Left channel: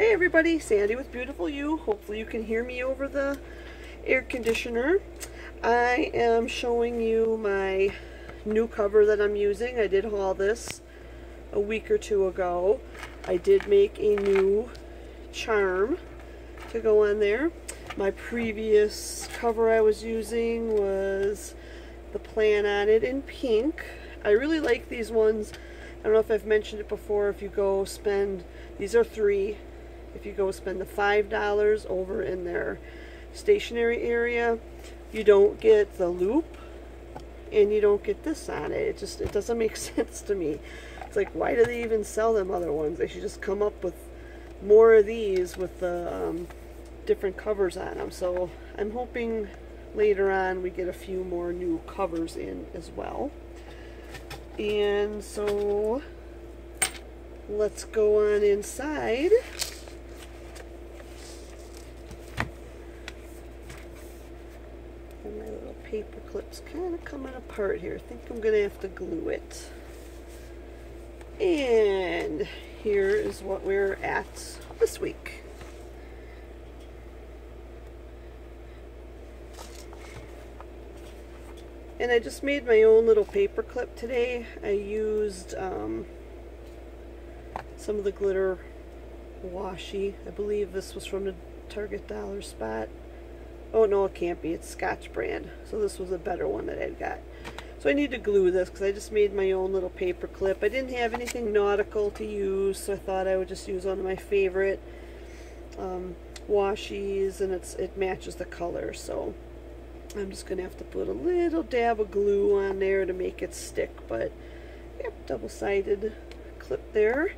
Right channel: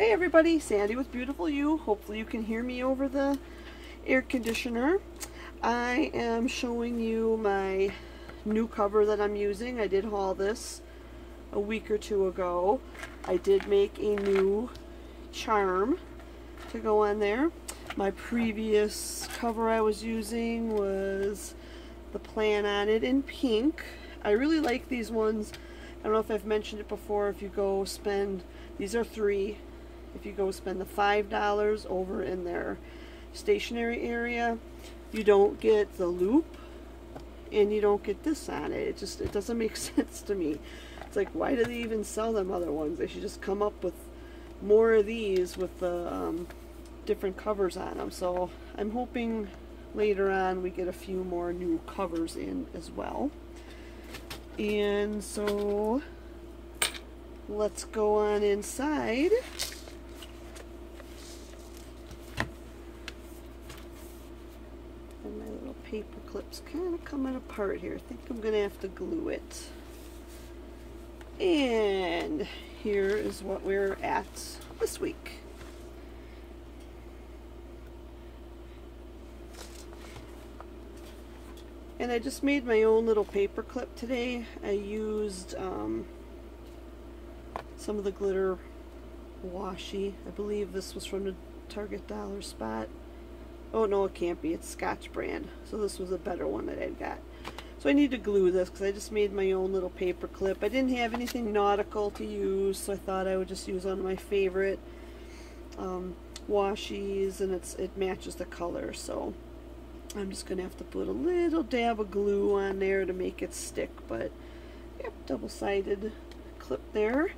Hey everybody, Sandy with Beautiful You. Hopefully you can hear me over the air conditioner. I am showing you my new cover that I'm using. I did haul this a week or two ago. I did make a new charm to go on there. My previous cover I was using was the Plan On It in pink. I really like these ones. I don't know if I've mentioned it before. If you go spend, these are $3. If you go spend the $5 over in their stationery area, you don't get the loop and you don't get this on it. It doesn't make sense to me. It's like, why do they even sell them other ones? They should just come up with more of these with the different covers on them. So I'm hoping later on we get a few more new covers in as well. And so let's go on inside. And my little paper clip's kind of coming apart here. I think I'm going to have to glue it. And here is what we're at this week. And I just made my own little paper clip today. I used some of the glitter washi. I believe this was from the Target Dollar Spot. Oh no, it can't be. It's Scotch brand. So this was a better one that I'd got. So I need to glue this because I just made my own little paper clip. I didn't have anything nautical to use, so I thought I would just use one of my favorite washi's, and it matches the color. So I'm just going to have to put a little dab of glue on there to make it stick. But yep, double-sided clip there.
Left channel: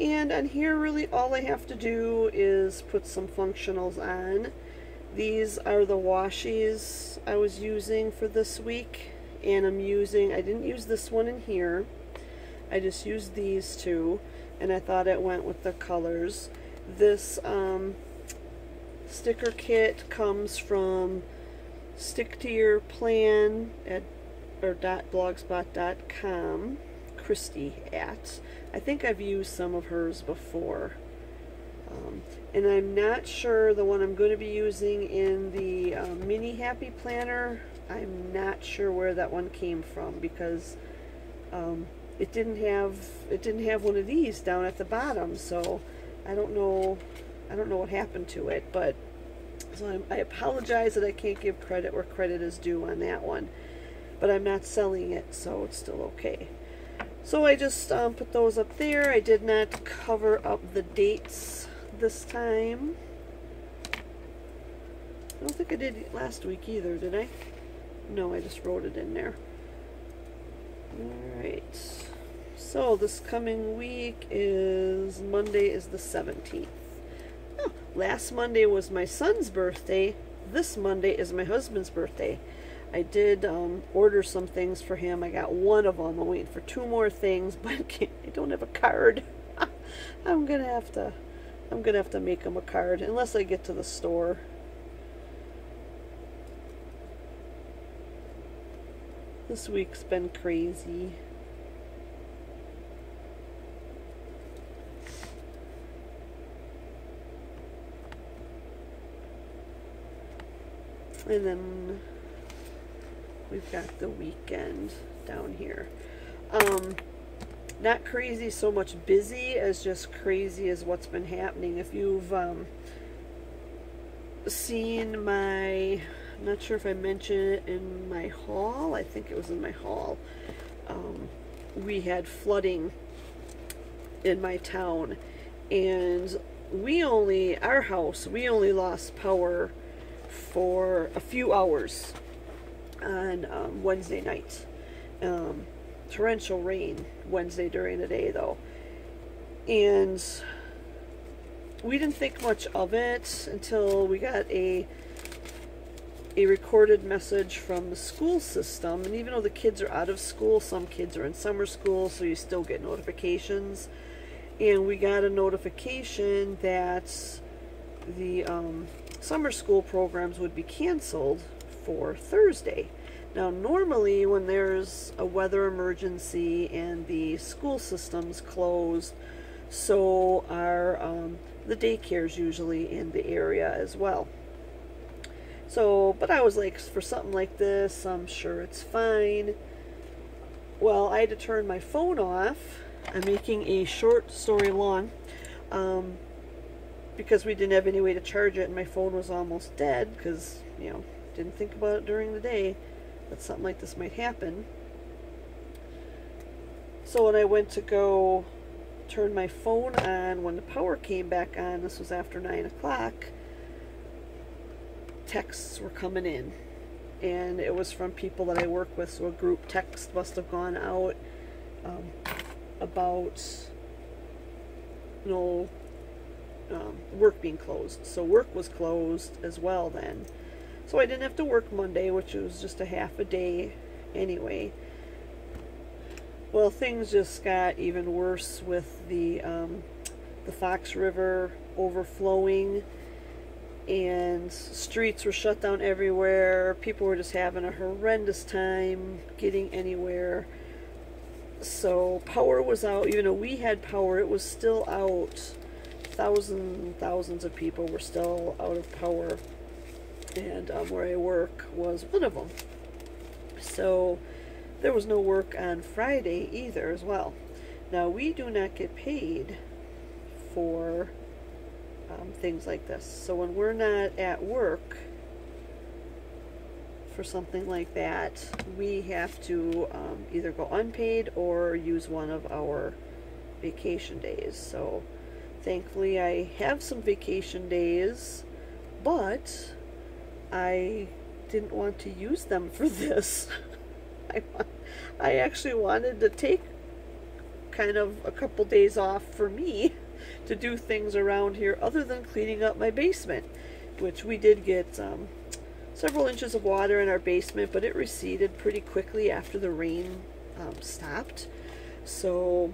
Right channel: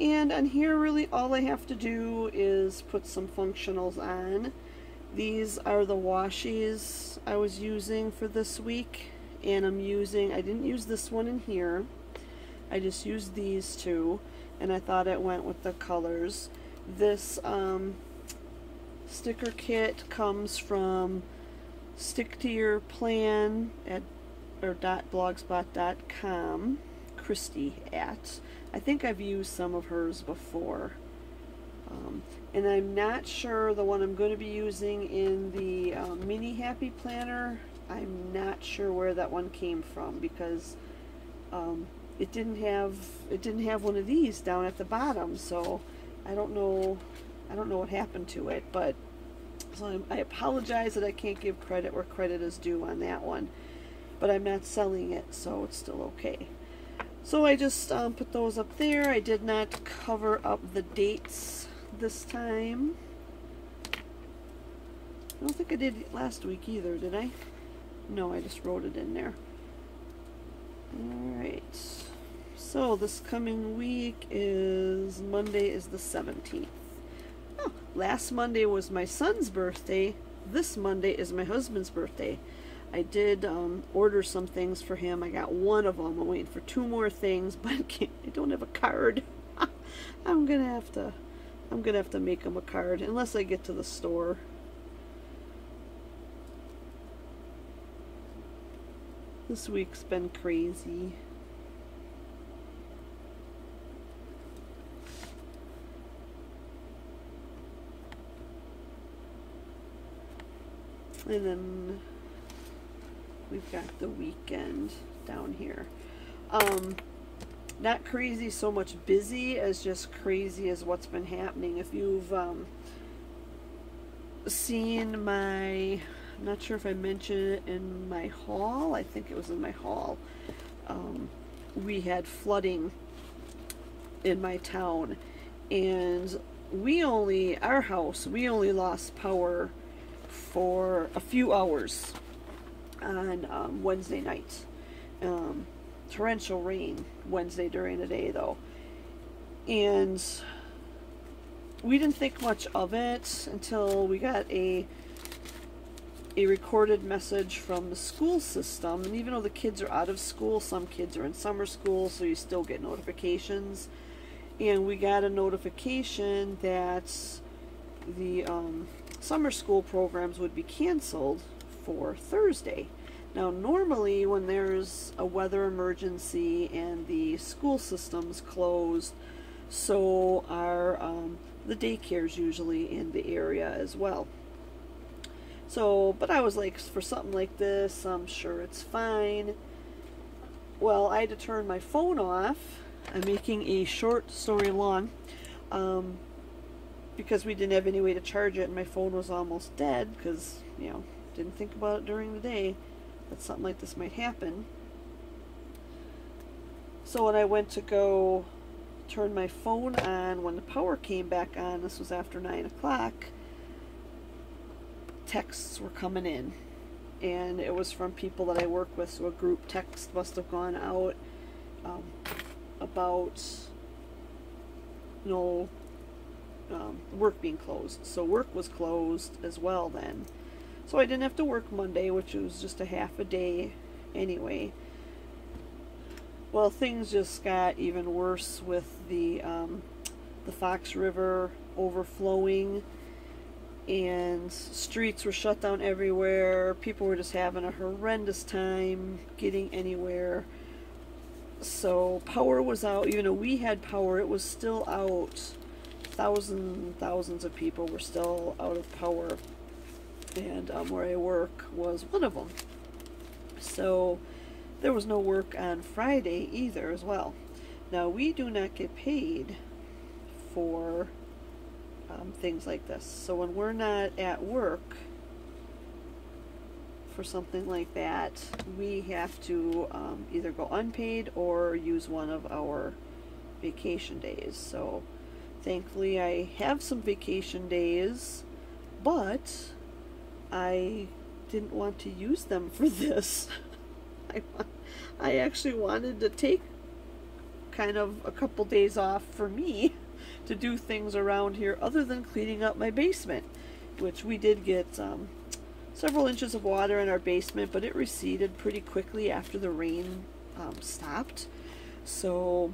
And on here, really all I have to do is put some functionals on. These are the washi's I was using for this week, and I didn't use this one in here. I just used these two, and I thought it went with the colors. This sticker kit comes from Stick to Your Plan or .blogspot.com. Christy at. I think I've used some of hers before. And I'm not sure the one I'm going to be using in the mini Happy Planner. I'm not sure where that one came from because it didn't have one of these down at the bottom. So I don't know what happened to it. But so I apologize that I can't give credit where credit is due on that one. But I'm not selling it, so it's still okay. So I just put those up there. I did not cover up the dates this time. I don't think I did last week either, did I? No, I just wrote it in there. Alright. So this coming week is Monday is the 17th. Oh, last Monday was my son's birthday. This Monday is my husband's birthday. I did order some things for him. I got one of them. I'm waiting for 2 more things, but I don't have a card. I'm gonna have to make him a card unless I get to the store. This week's been crazy. And then we've got the weekend down here. Not crazy so much busy as just crazy as what's been happening. If you've seen my, I'm not sure if I mentioned it in my haul. I think it was in my haul. We had flooding in my town, and we only lost power for a few hours on Wednesday night. Torrential rain Wednesday during the day though, and we didn't think much of it until we got a recorded message from the school system. And even though the kids are out of school, some kids are in summer school, so you still get notifications. And we got a notification that the summer school programs would be canceled for Thursday. Now, normally when there's a weather emergency and the school system's closed, So are the daycares usually in the area as well. So, but I was like, for something like this, I'm sure it's fine. Well, I had to turn my phone off. I'm making a short story long, because we didn't have any way to charge it, and my phone was almost dead, because, you know, didn't think about it during the day that something like this might happen. So when I went to go turn my phone on, when the power came back on, this was after 9 o'clock, texts were coming in, and it was from people that I work with, so a group text must have gone out about, you know, work being closed. So work was closed as well then, so I didn't have to work Monday, which was just a half a day anyway. Well, things just got even worse with the Fox River overflowing, and streets were shut down everywhere. People were just having a horrendous time getting anywhere. So power was out. Even though we had power, it was still out. Thousands of people were still out of power, and where I work was one of them. So there was no work on Friday either as well. Now, we do not get paid for things like this. So when we're not at work for something like that, we have to either go unpaid or use one of our vacation days. So thankfully I have some vacation days, but I didn't want to use them for this. I actually wanted to take kind of a couple days off for me to do things around here other than cleaning up my basement, which we did get several inches of water in our basement, but it receded pretty quickly after the rain stopped. So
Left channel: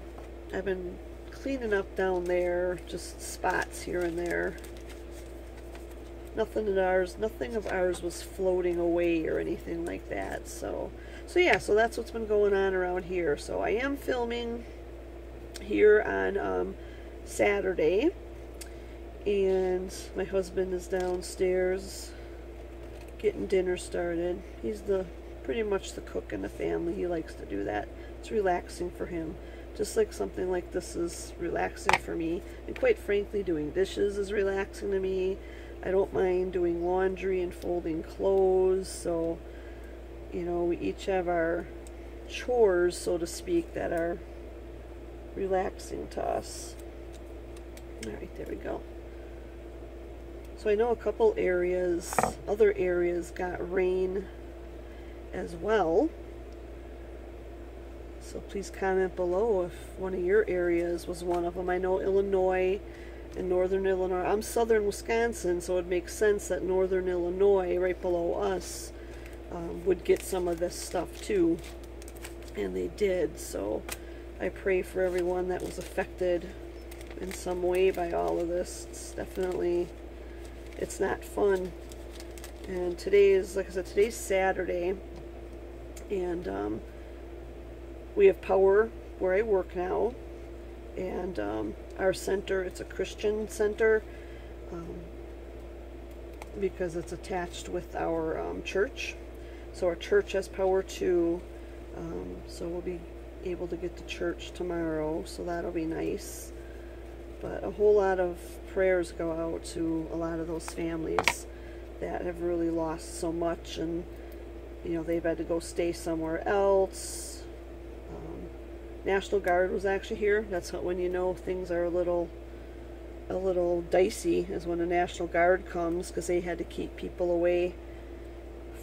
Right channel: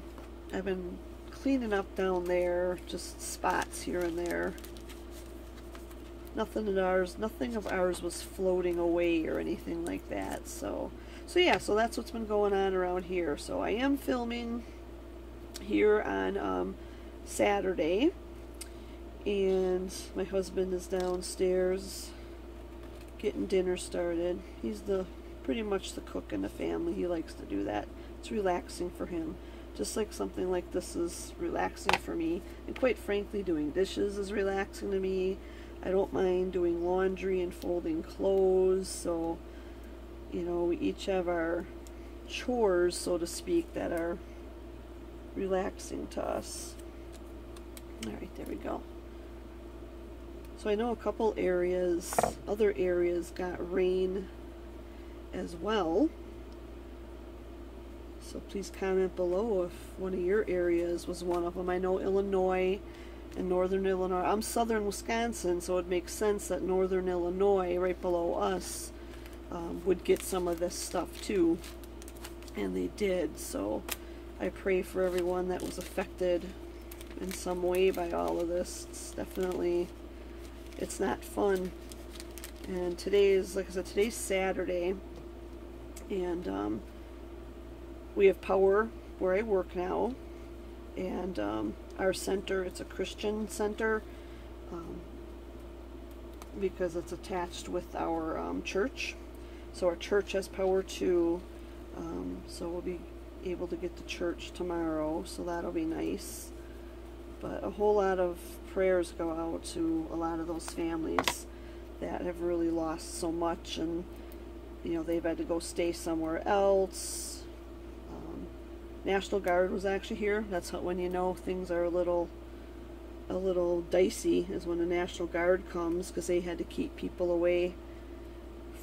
I've been cleaning up down there, just spots here and there. Nothing of ours was floating away or anything like that. So yeah, so that's what's been going on around here. So I am filming here on Saturday, and my husband is downstairs getting dinner started. He's pretty much the cook in the family. He likes to do that. It's relaxing for him, just like something like this is relaxing for me. And quite frankly, doing dishes is relaxing to me. I don't mind doing laundry and folding clothes. So, you know, we each have our chores, so to speak, that are relaxing to us. Alright, there we go. So I know a couple areas, other areas got rain as well. So please comment below if one of your areas was one of them. I know Illinois and northern Illinois. I'm southern Wisconsin, so it makes sense that northern Illinois, right below us, would get some of this stuff too. And they did. So I pray for everyone that was affected in some way by all of this. It's definitely, it's not fun. And today is, like I said, today's Saturday, and we have power where I work now, and our center, it's a Christian center, because it's attached with our church. So our church has power too, so we'll be able to get to church tomorrow, so that'll be nice. But a whole lot of prayers go out to a lot of those families that have really lost so much, and you know, they've had to go stay somewhere else. National Guard was actually here. That's when you know things are a little dicey, is when the National Guard comes, because they had to keep people away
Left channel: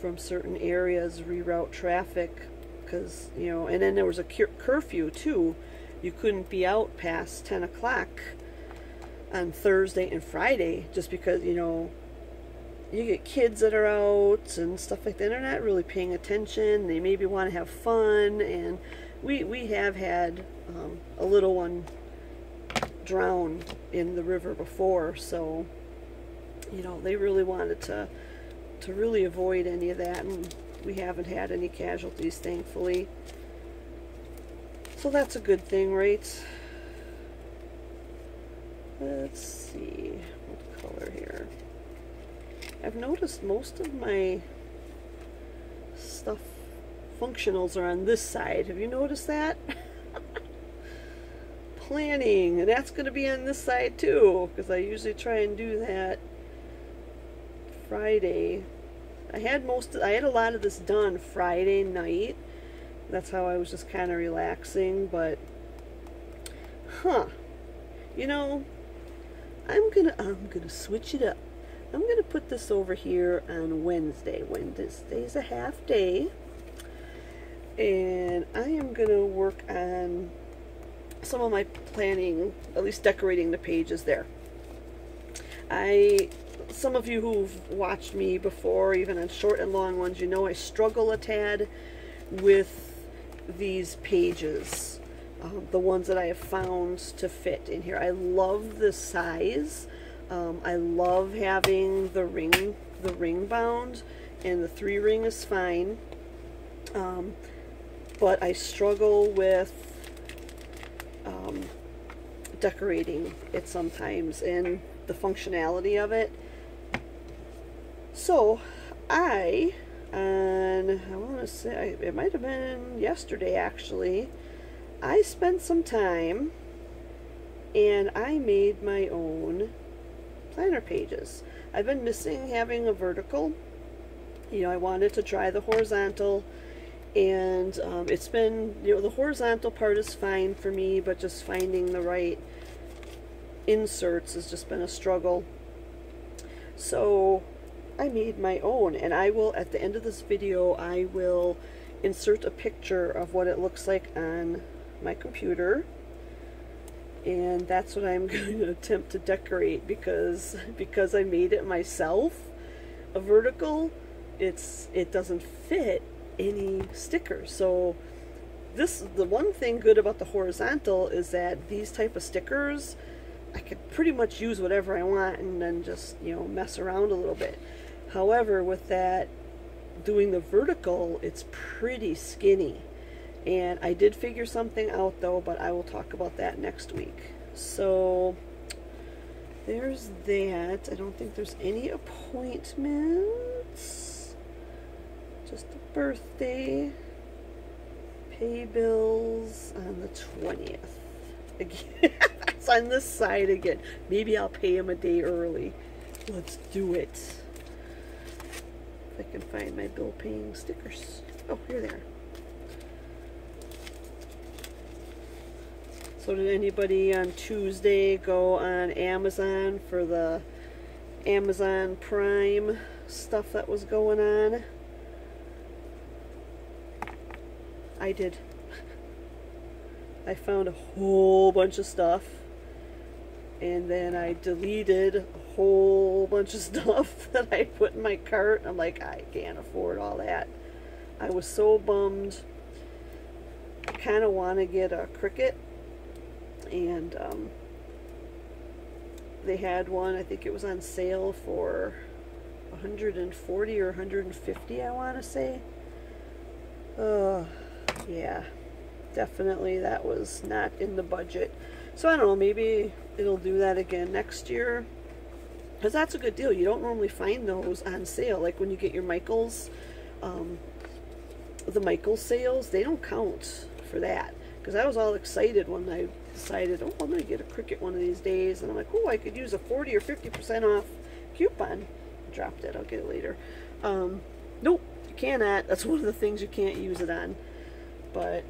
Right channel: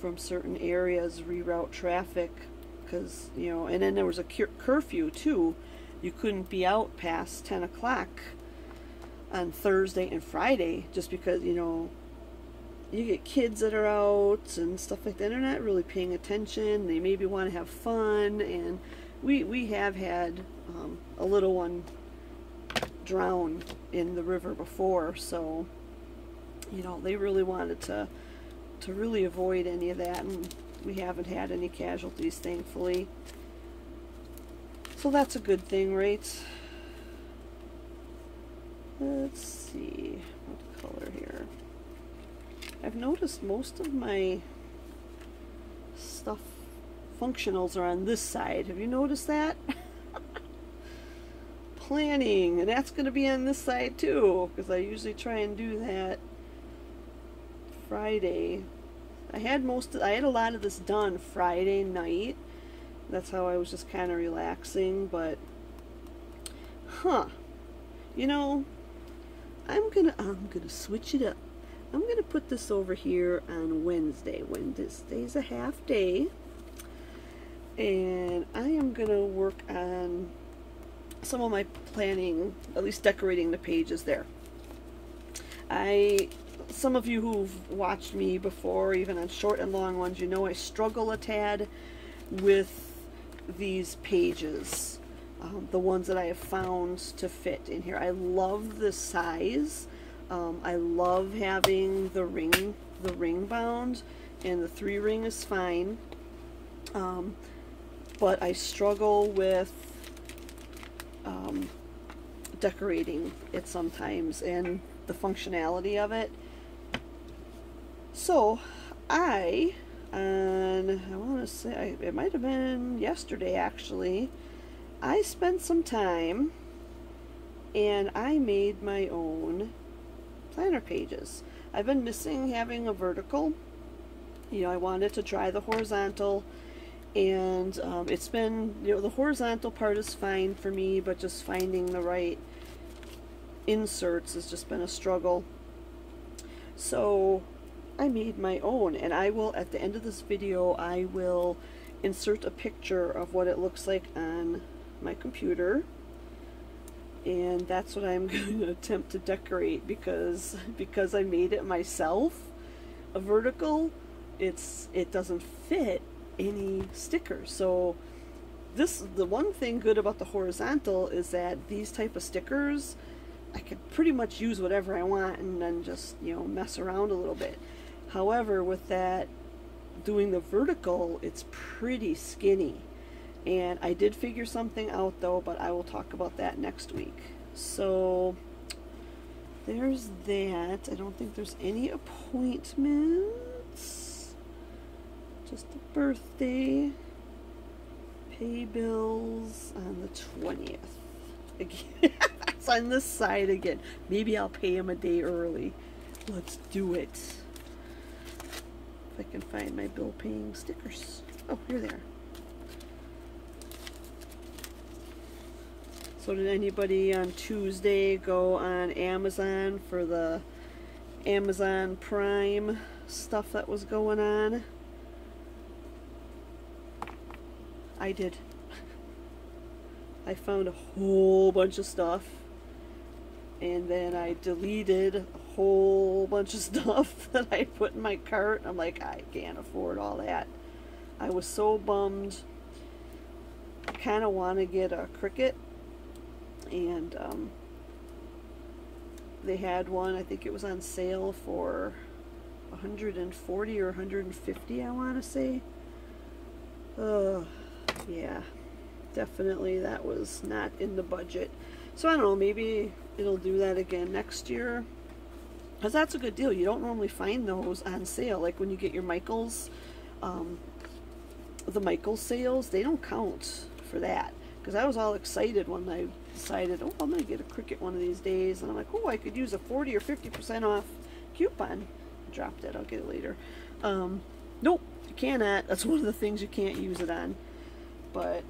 from certain areas, reroute traffic, because, you know, and then there was a curfew too. You couldn't be out past 10 o'clock on Thursday and Friday, just because, you know, you get kids that are out and stuff like that. They're not really paying attention. They maybe want to have fun, and we have had a little one drown in the river before, so, you know, they really wanted to really avoid any of that, and we haven't had any casualties, thankfully. So that's a good thing, right? let's see what color here. I've noticed most of my stuff, functionals, are on this side. Have you noticed that? Planning, and that's going to be on this side too, because I usually try and do that Friday. I had a lot of this done Friday night. That's how I was just kind of relaxing, but you know, I'm gonna switch it up. I'm gonna put this over here on Wednesday. Wednesday's a half day, and I am gonna work on some of my planning, at least decorating the pages there. Some of you who've watched me before, even on short and long ones, you know I struggle a tad with these pages, the ones that I have found to fit in here. I love the size. I love having the ring bound, and the 3-ring is fine, but I struggle with decorating it sometimes and the functionality of it. So I want to say, it might have been yesterday actually, I spent some time and I made my own planner pages. I've been missing having a vertical. You know, I wanted to try the horizontal, and it's been, you know, the horizontal part is fine for me, but just finding the right inserts has just been a struggle. So I made my own, and I will, at the end of this video, I will insert a picture of what it looks like on my computer, and that's what I'm going to attempt to decorate, because I made it myself, a vertical, it doesn't fit any stickers. So the one thing good about the horizontal is that these type of stickers, I could pretty much use whatever I want and then just, you know, mess around a little bit. However, with that, doing the vertical, it's pretty skinny. And I did figure something out though, but I will talk about that next week. So there's that. I don't think there's any appointments. Just a birthday. Pay bills on the 20th. Again, that's on this side again. Maybe I'll pay him a day early. Let's do it. If I can find my bill paying stickers. Oh, here they are. So did anybody on Tuesday go on Amazon for the Amazon Prime stuff that was going on? I did. I found a whole bunch of stuff, and then I deleted a whole bunch of stuff that I put in my cart. I'm like, I can't afford all that. I was so bummed. I kind of want to get a Cricut, and they had one, I think it was on sale for $140 or $150, I want to say. Yeah, definitely that was not in the budget. So I don't know, maybe it'll do that again next year, because that's a good deal. You don't normally find those on sale. Like when you get your Michaels, the Michaels sales, they don't count for that. Because I was all excited when I decided, oh, I'm going to get a Cricut one of these days. And I'm like, oh, I could use a 40 or 50% off coupon. I dropped it. I'll get it later. Nope, you cannot. That's one of the things you can't use it on. But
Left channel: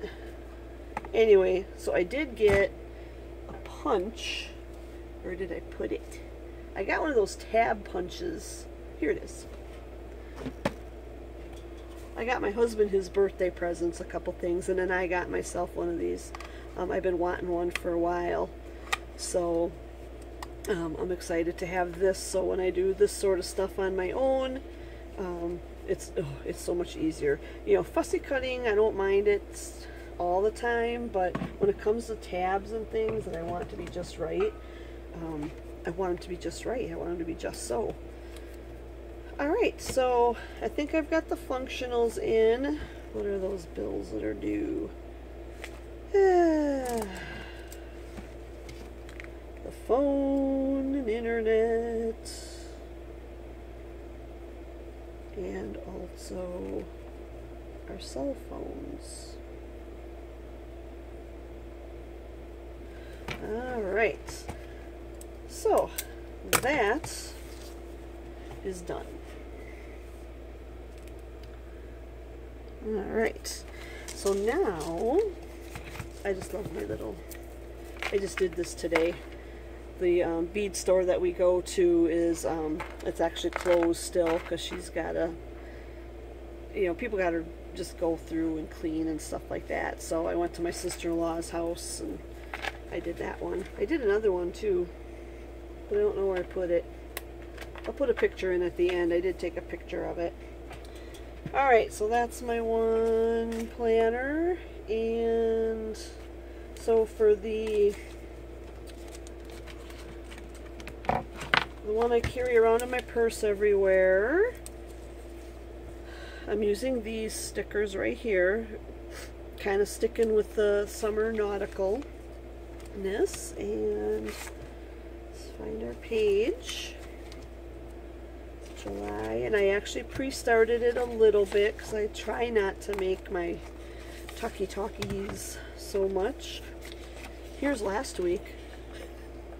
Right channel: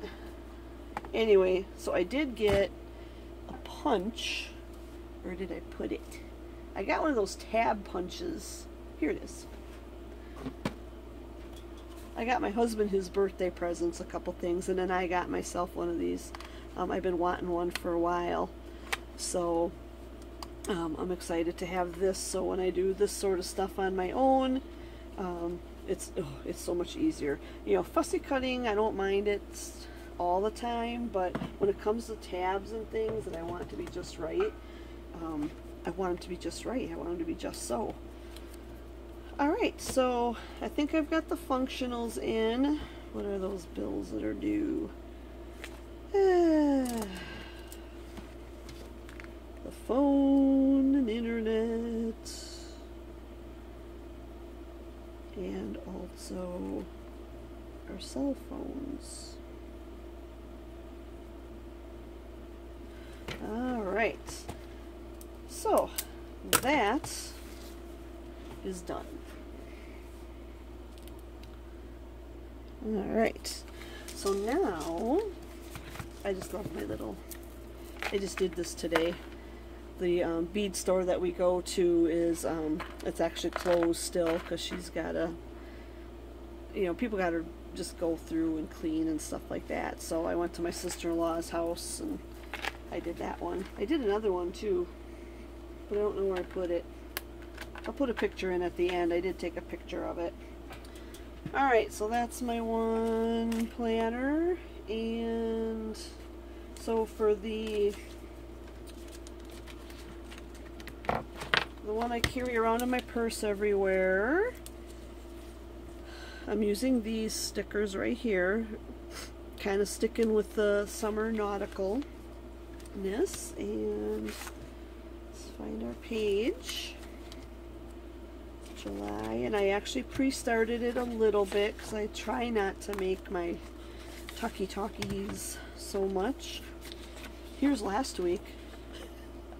anyway, so I did get a punch. Where did I put it? I got one of those tab punches. Here it is. I got my husband his birthday presents, a couple things, and then I got myself one of these. I've been wanting one for a while, so I'm excited to have this. So when I do this sort of stuff on my own, it's so much easier. You know, fussy cutting, I don't mind it all the time, but when it comes to tabs and things that I want it to be just right, I want them to be just right. I want them to be just so. Alright, so I think I've got the functionals in. What are those bills that are due? The phone. and internet, and also our cell phones. Alright, so that is done. Alright, so now I just love my little, I just did this today. The bead store that we go to is, it's actually closed still because she's got to, you know, people got to just go through and clean and stuff like that. So I went to my sister-in-law's house and I did that one. I did another one too, but I don't know where I put it. I'll put a picture in at the end. I did take a picture of it. Alright, so that's my one planner. And so for the one I carry around in my purse everywhere, I'm using these stickers right here, kind of sticking with the summer nauticalness. And let's find our page. July, and I actually pre-started it a little bit because I try not to make my talkies so much. Here's last week.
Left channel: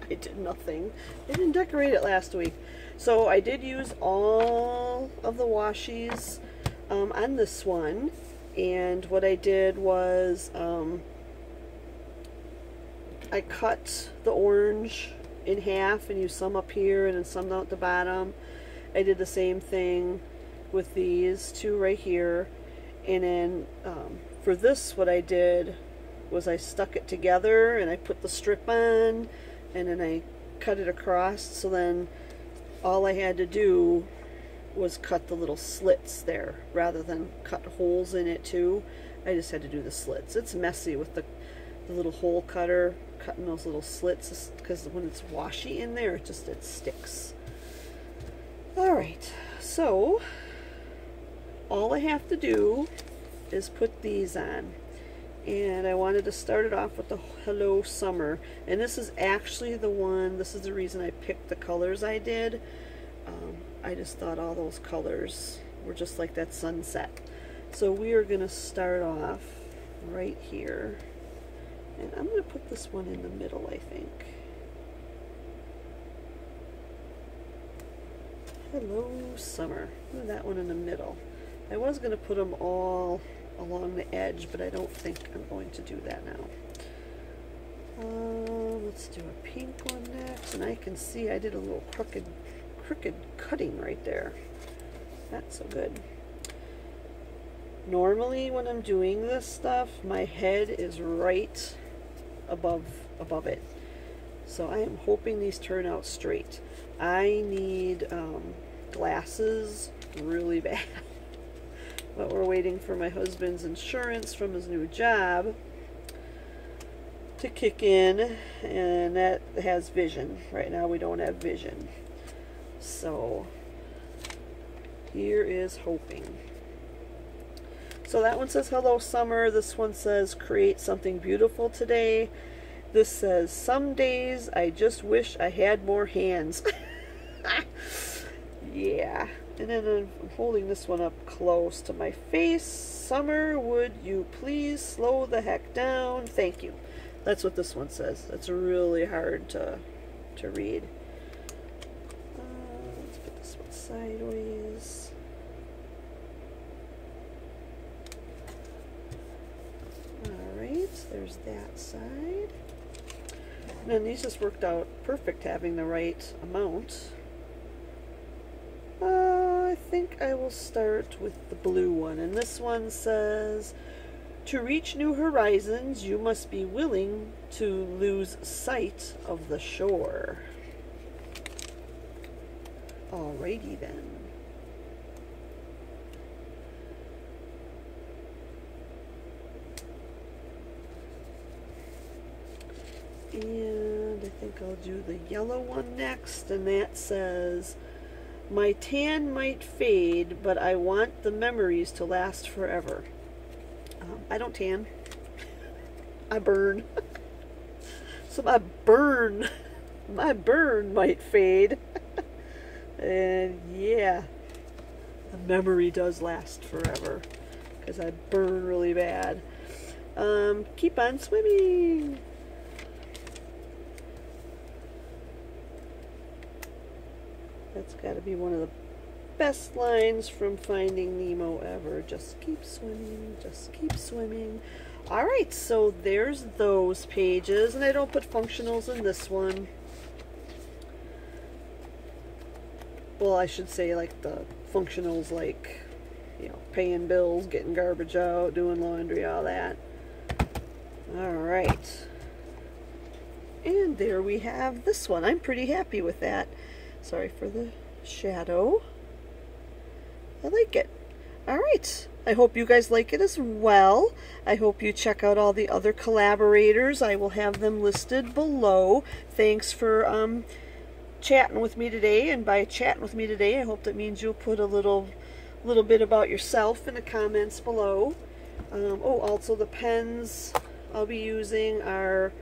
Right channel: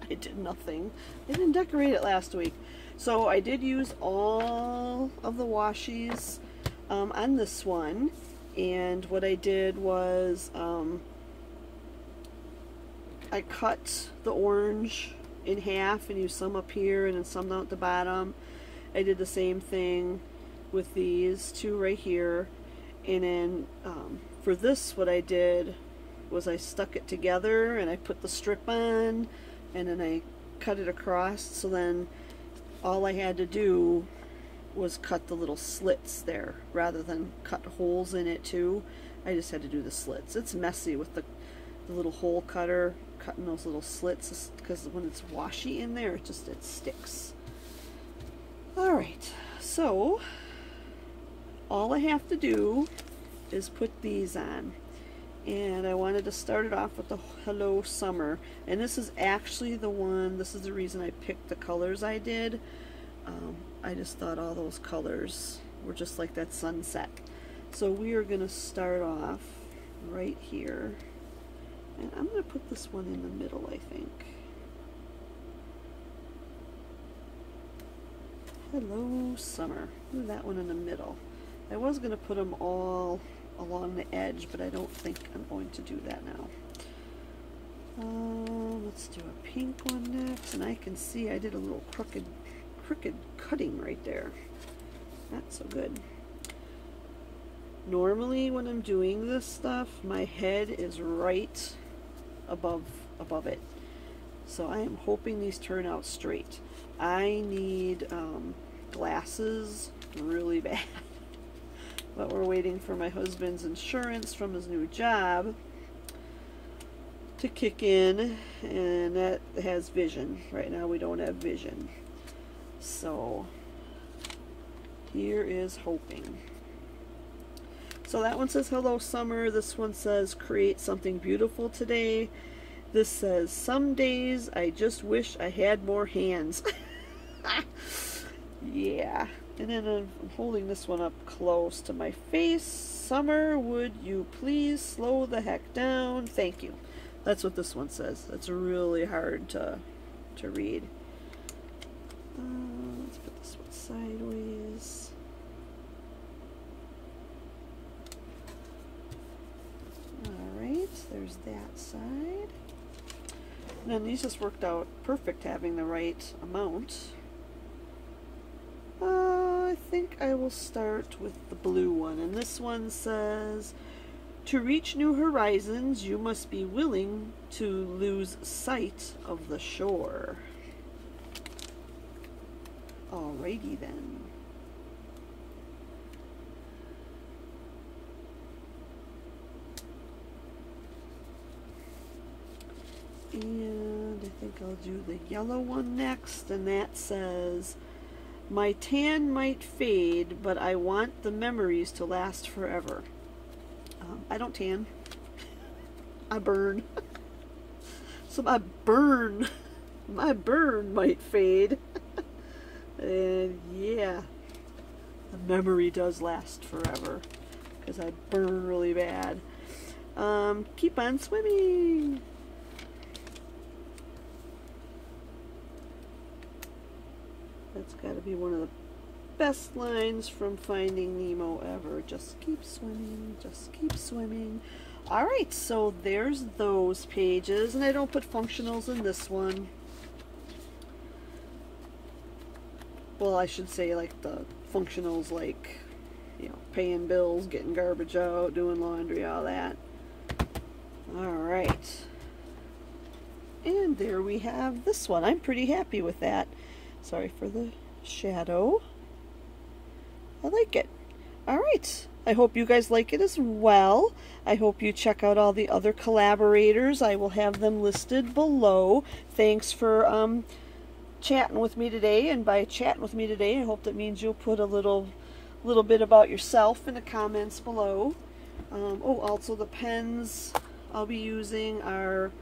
I did nothing. I didn't decorate it last week. So I did use all of the washies on this one, and what I did was I cut the orange in half and used some up here and then some down at the bottom. I did the same thing with these two right here, and then for this what I did was I stuck it together and I put the strip on and then I cut it across, so then all I had to do was cut the little slits there rather than cut holes in it too. I just had to do the slits. It's messy with the little hole cutter cutting those little slits because when it's washy in there it sticks. Alright, so all I have to do is put these on. And I wanted to start it off with the Hello Summer. And this is actually the one, this is the reason I picked the colors I did. I just thought all those colors were just like that sunset. So we are going to start off right here. And I'm going to put this one in the middle, I think. Hello Summer. That one in the middle. I was going to put them all along the edge, but I don't think I'm going to do that now. Let's do a pink one next, and I can see I did a little crooked cutting right there. Not so good. Normally when I'm doing this stuff, my head is right above it. So I am hoping these turn out straight. I need glasses really bad. But we're waiting for my husband's insurance from his new job to kick in, and that has vision. Right now we don't have vision. So here is hoping. So that one says Hello Summer. This one says create something beautiful today. This says some days I just wish I had more hands. Yeah. And then I'm holding this one up close to my face. Summer, would you please slow the heck down? Thank you. That's what this one says. It's really hard to read. Let's put this one sideways. Alright, there's that side. And then these just worked out perfect having the right amount. I think I will start with the blue one, and this one says, to reach new horizons, you must be willing to lose sight of the shore. Alrighty then. And I think I'll do the yellow one next, and that says, my tan might fade, but I want the memories to last forever. I don't tan. I burn. So I burn my burn might fade. And yeah, the memory does last forever because I burn really bad. Keep on swimming. That's got to be one of the best lines from Finding Nemo ever. Just keep swimming, just keep swimming. Alright, so there's those pages, and I don't put functionals in this one. Well, I should say like the functionals, like, you know, paying bills, getting garbage out, doing laundry, all that. Alright. And there we have this one. I'm pretty happy with that. Sorry for the shadow. I like it. Alright. I hope you guys like it as well. I hope you check out all the other collaborators. I will have them listed below. Thanks for chatting with me today. And by chatting with me today, I hope that means you'll put a little bit about yourself in the comments below. Oh, also the pens I'll be using are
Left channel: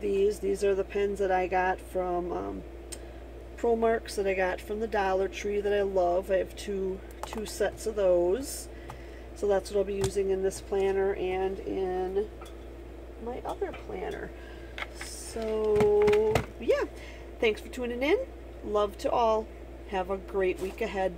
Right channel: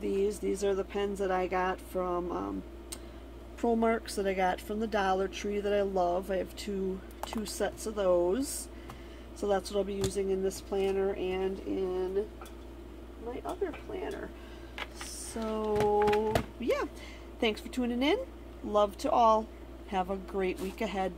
these are the pens that I got from ProMarks that I got from the Dollar Tree that I love. I have two sets of those. So that's what I'll be using in this planner and in my other planner. So yeah, thanks for tuning in. Love to all. Have a great week ahead.